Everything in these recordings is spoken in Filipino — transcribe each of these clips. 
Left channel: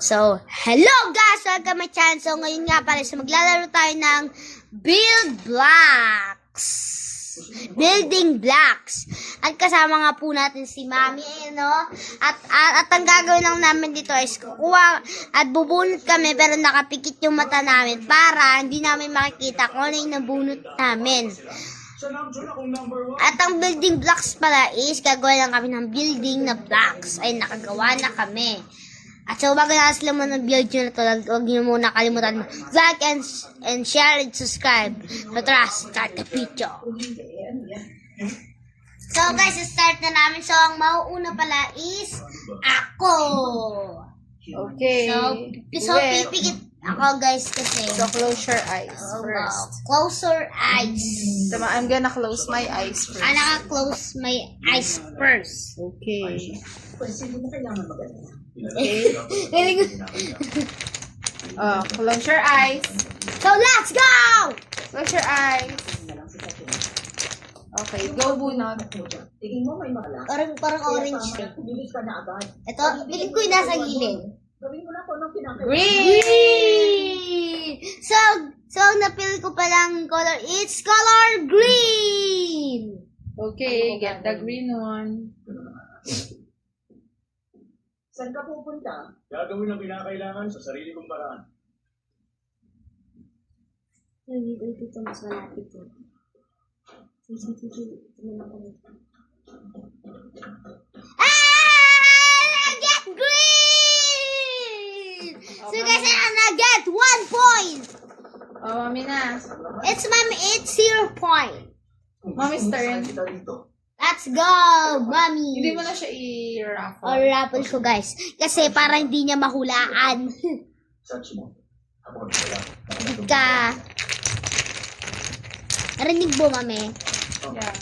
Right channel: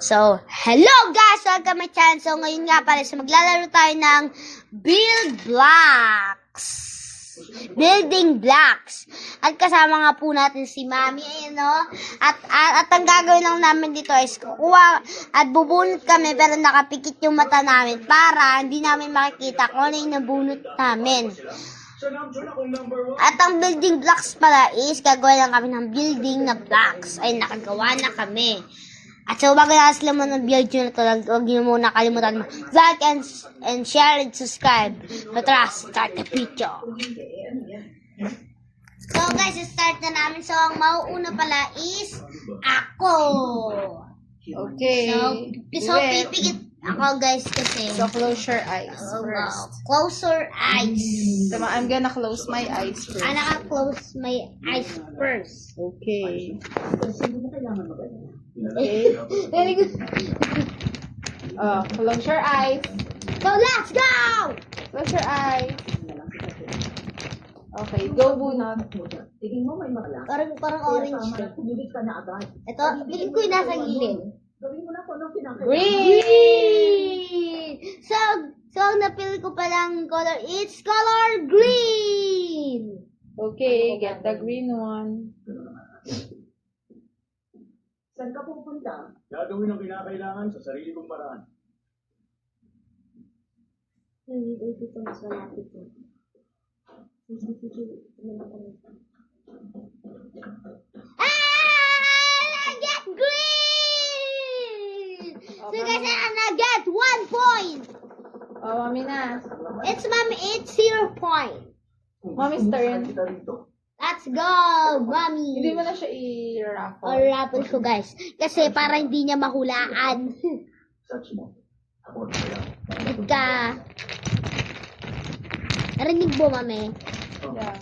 So, hello guys! Welcome to my channel. So, ngayon nga pala, maglalaro tayo ng Building Blocks. At kasama nga po natin si Mami, no? At ang gagawin lang namin dito is kukuha at bubunot kami pero nakapikit yung mata namin para hindi namin makikita kung ano yung nabunot namin. At ang building blocks pala is gagawa lang kami ng building na blocks. Ay, nakagawa na kami. At so, bago na sila mo ng video na to, huwag niyo muna kalimutan like and share and subscribe. So, tara, start the video. So, guys, start na namin. So, ang mauuna pala is ako. Okay. So pipikit ako, guys, kasi. So, close your eyes first. Close your eyes. So, I'm gonna close my eyes first. Naka-close my eyes first. Okay. Okay. Close your eyes. So, let's go! Close your eyes. Okay, go bunot. Tingin mo may makalak. Parang orange. Bilis ka na agad. Ito, piling ko yung nasa gilid. Gawin mo na po nung pinakita. Green! So, ang napili ko palang color, it's color green! Okay, get the green one. Saan ka pupunta? Gagawin ang kinakailangan sa sarili kong paraan. Ito, mas malapit ito. I get green! So guys, I get 1 point! Oh, Mami na. It's 0 point. Mommy's turn. Kita rito. Let's go, mommy! Hindi mo na siya i-raffle. O, raffle ko guys. Kasi para hindi niya mahulaan. Search mo. Ako na wala. Ka. Narinig mo, mami? Yeah.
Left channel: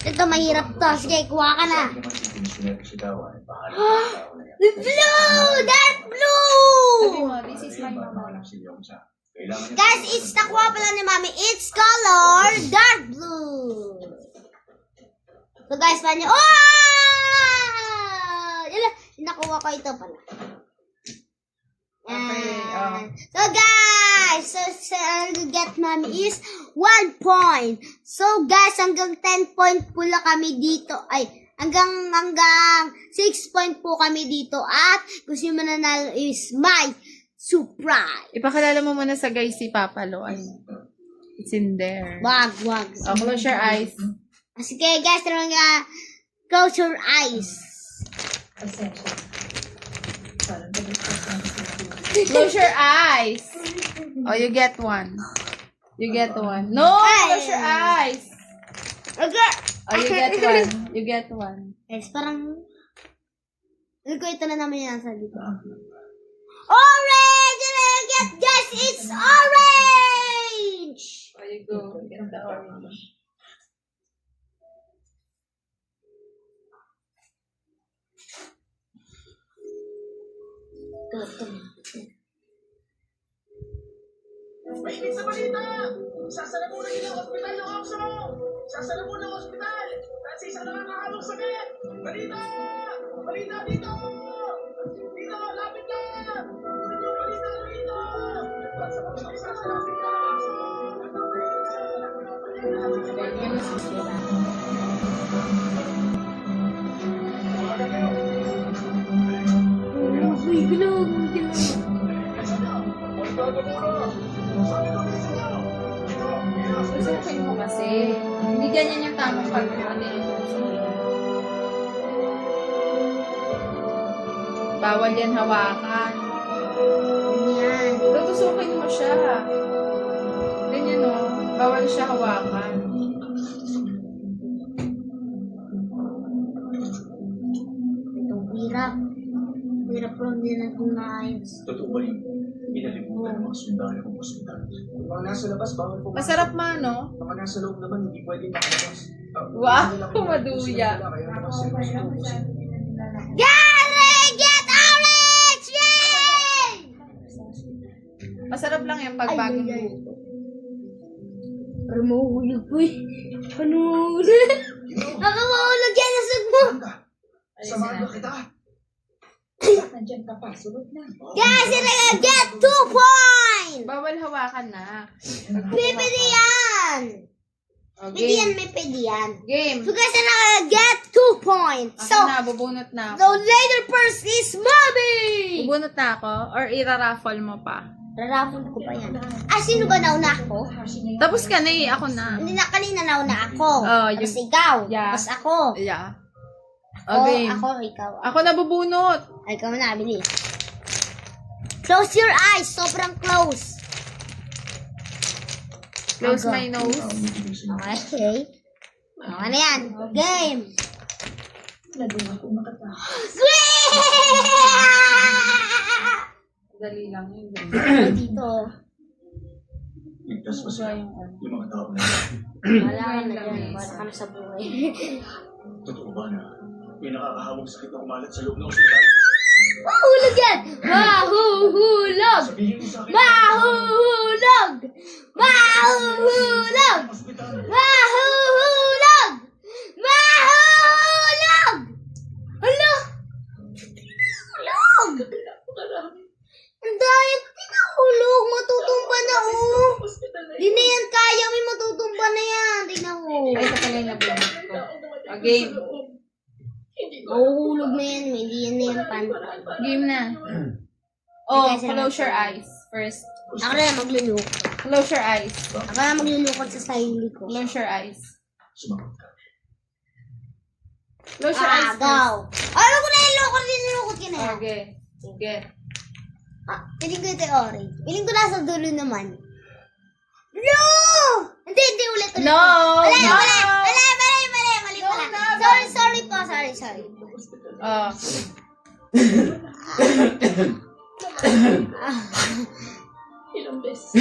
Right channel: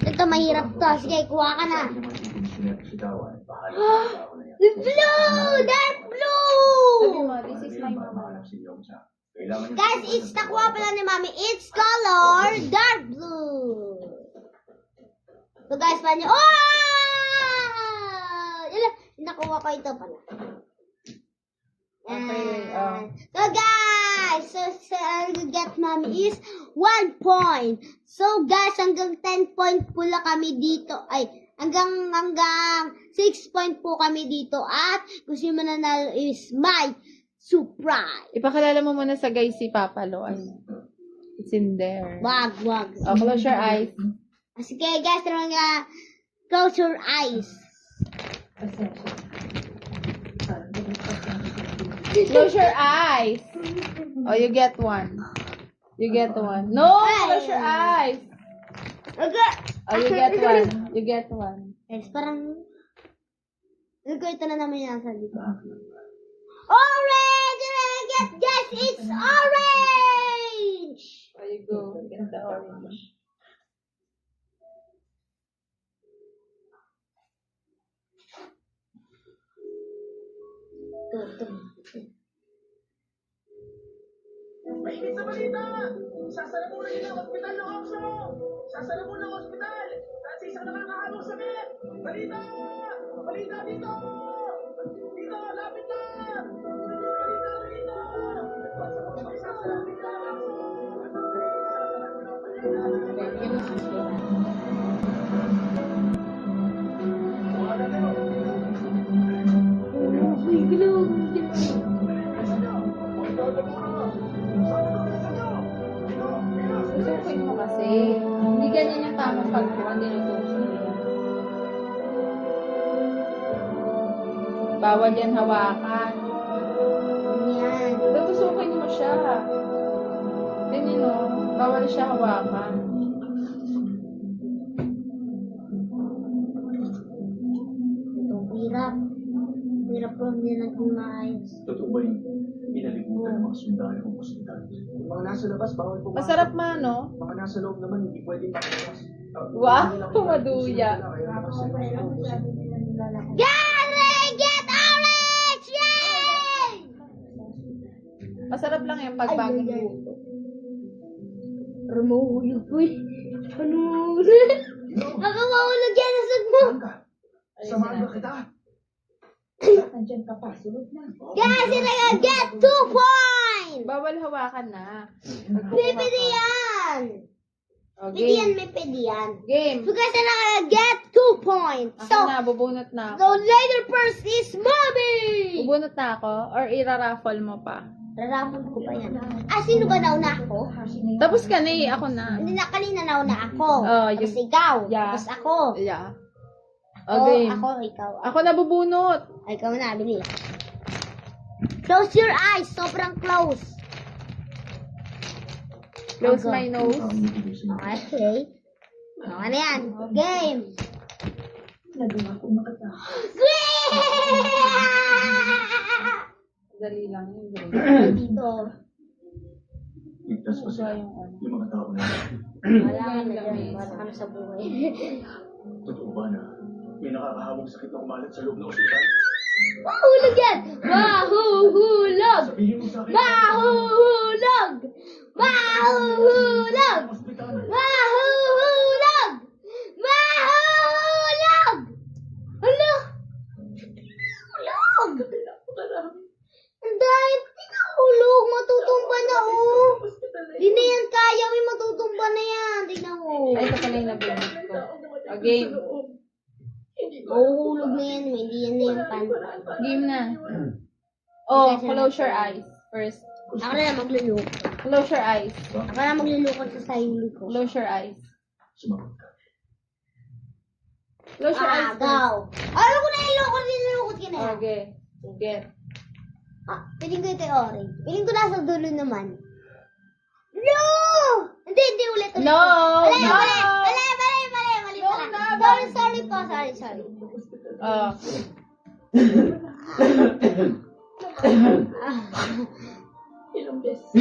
Ito, mahirap to. Sige, kuha ka na. Hindi naman si Pinsuner si Dawa. Bahala ng tao na yan. Blue! Dark Sabi blue! mo, this is my mom. Mahanap si Yung sa. Kailangan niya. Guys, it's nakuha pala ni mami. It's color dark blue. So guys, paano? Oh! Yun, nakuha ko ito pala. Okay, So guys, so get mommy is 1 point. So guys, hanggang 10 point po lang kami dito. Ay, hanggang 6 point po kami dito. At gusto nyo mananalo is my surprise. Ipakilala mo muna sa guys si Papa Lo. It's in there. Wag. Oh, close your eyes. Sige guys, tara nga. Close your eyes. Close your eyes. Oh, you get one. You get one. No, close your eyes. Okay. Oh, you get one. You get one. Guys, parang... Ito na naman yan sa dito. Orange! Guys, it's orange! Oh, you go. Get the orange. Mainit sa balita! Sasalamunan nila ang ospital ng Oxo! Sasalamunan ang ospital! Dahil sa isang nakakahalong sakit! Balita! Balita dito! Dito! Lapit na! Balita dito! Sasalamunan ng Oxo! Researchin mo kasi. Hindi ganyan yung tamang pagkuha nila. Bawal yan hawakan. Yan. Tutusukin mo siya. Ganyan o. Bawal siya hawakan. Ito, hirap. Hirap po hindi natin maayos. Totoo ba yung inalimutan ng mga sundalo ng ospital? Yung mga nasa labas, bawal pumasok. Masarap ma, no? Mga nasa loob naman, hindi pwedeng makalabas. Wow, maduya. Kaya naman seryoso. Get orange! Yay! Masarap lang yung pagbagong buto. Parang mahuhulog po eh. Ano? Baka mahulog yan sa sag mo. Samahan ba kita? Nandiyan ka pa, sunod na. Guys, you're gonna get 2 points! Bawal hawakan na. Pwede yan! O, Pwede yan, game. may pwede yan. Game. So guys, you're gonna get 2 points. Ako So, na, bubunot na the ako. later first is Mommy! Bubunot na ako? Or iraraffle mo pa? Raraffle ko pa yan. Ah, sino ba nauna ako? Tapos ka na eh, ako na. Hindi na, kanina nauna ako. Oh, Tapos yung- ikaw. Yeah. Tapos ako. Yeah. Ako, O, game. ako, ikaw. Ako na bubunot. Ay, ikaw na, bilis. Close your eyes. Sobrang close. Close Ako. my nose. Okay. Okay na yan. Game. Nandun ako makatakas. Dali lang yun. Ay, dito. Ligtas pa sila. Yung ano. Yung mga tao na Wala ka na dyan. Wala ka na sa buhay. totoo ba na may nakakahawang sakit na kumalat sa loob ng ospital? Mahulog yan! Mahuhulog! Sabihin mo sa akin. Mahuhulog! Mahuhulog! Ospital. Mahuhulog! Mahuhulog! Hala! Hulog! Ang dahil tinahulog. Matutumba na oh. Di na yan kaya. May matutumba na yan. Tingnan mo. Ay, ito pala yung nabunot ko. O, game. Mahuhulog na yan. Hindi yan na yan pantay. Game na. Oh, close your eyes first. Ako na maglulukot. Close your eyes. Ako na maglulukot sa sarili ko. Close your eyes. Sumagot ka. Close your eyes first. Agaw. Ano ko na yung lukot? Nilulukot ka na yan. Okay. Get. Ah, piling ko ito yung orange. Piling ko nasa dulo naman. No! Hindi, ulit. No! Mali No! pala. Sorry po. Sorry. Oh. Ilang beses.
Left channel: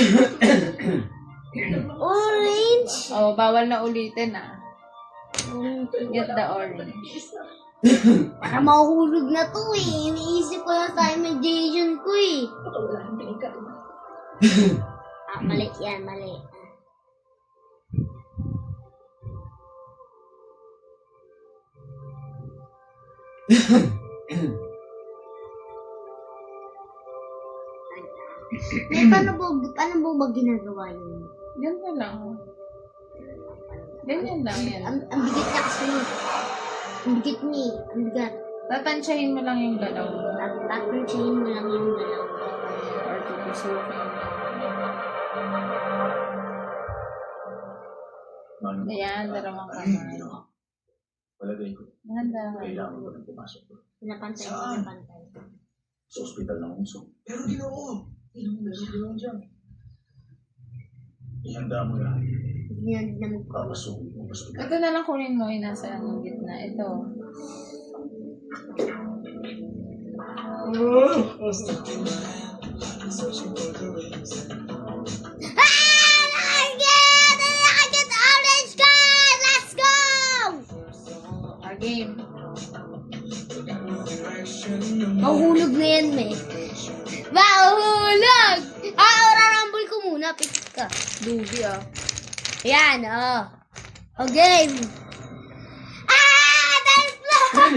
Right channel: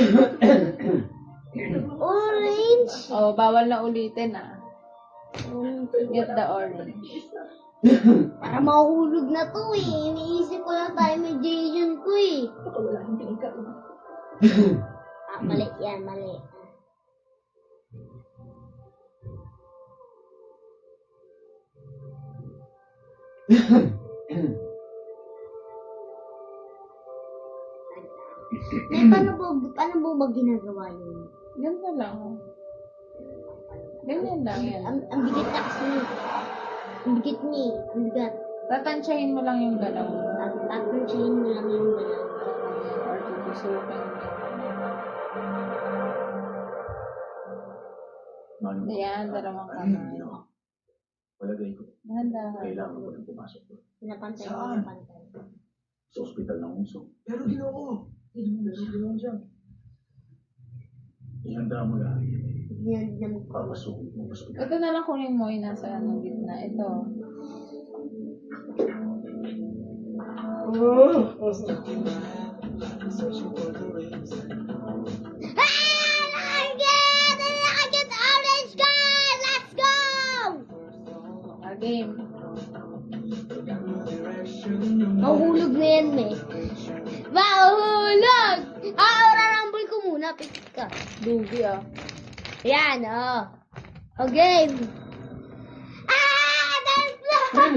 Orange? Oh, bawal na ulitin ah. Get the orange. Para mahulog na to eh. Iniisip ko yung time ko eh. Baka wala nang pinagkaroon. Ah, mali yan, mali. paano ba ginagawa yun? Yan na lang. Ganyan lang yan. Ang bigat na kasi. Ang bigat niya eh. Ang bigat. Tatansyahin mo lang yung galaw mo. Tatansyahin mo lang yung galaw. Or tutusukin. Mano, Ayan, dalawang ano yung kamay. ginawa? Palagay ko, Handa ka. kailangan ko nang pumasok doon. Pinapantay mo, Saan? pinapantay. Sa ospital ng Unso. Pero ginoo, Ilang beses ginawa dyan. ihanda mo yan. Hindi na magpapasok. Papasukin mo ang ospital. Ito na lang kunin mo yung nasa anong gitna. Ito. Nakaget orange card! Let's go! Our game. Mahulog na yan, me. Mahulog! Rarambol ko muna. Pick ka. Dugi ah. Ayan, oh. O, game. Dance floor!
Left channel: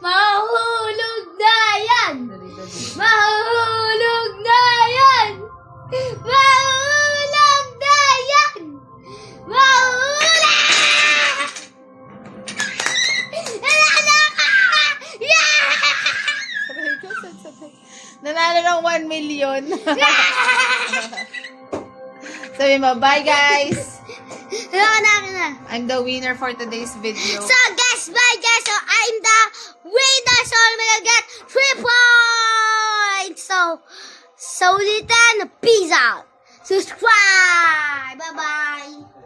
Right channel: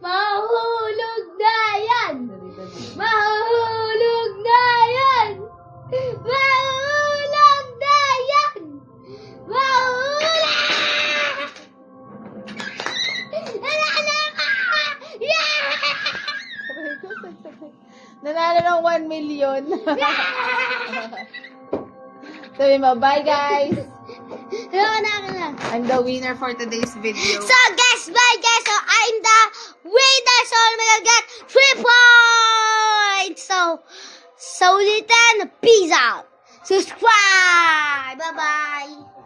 Mahulog na yan! Dali, dali. Mahulog na yan! Mahulog na yan! Mahulog! Nanalo ng 1 million. Sabi mo, bye guys! I'm the winner for today's video. So guys, bye guys. So I'm the winner. So I'm gonna get 3 points. So ulitin, peace out. Subscribe. Bye bye.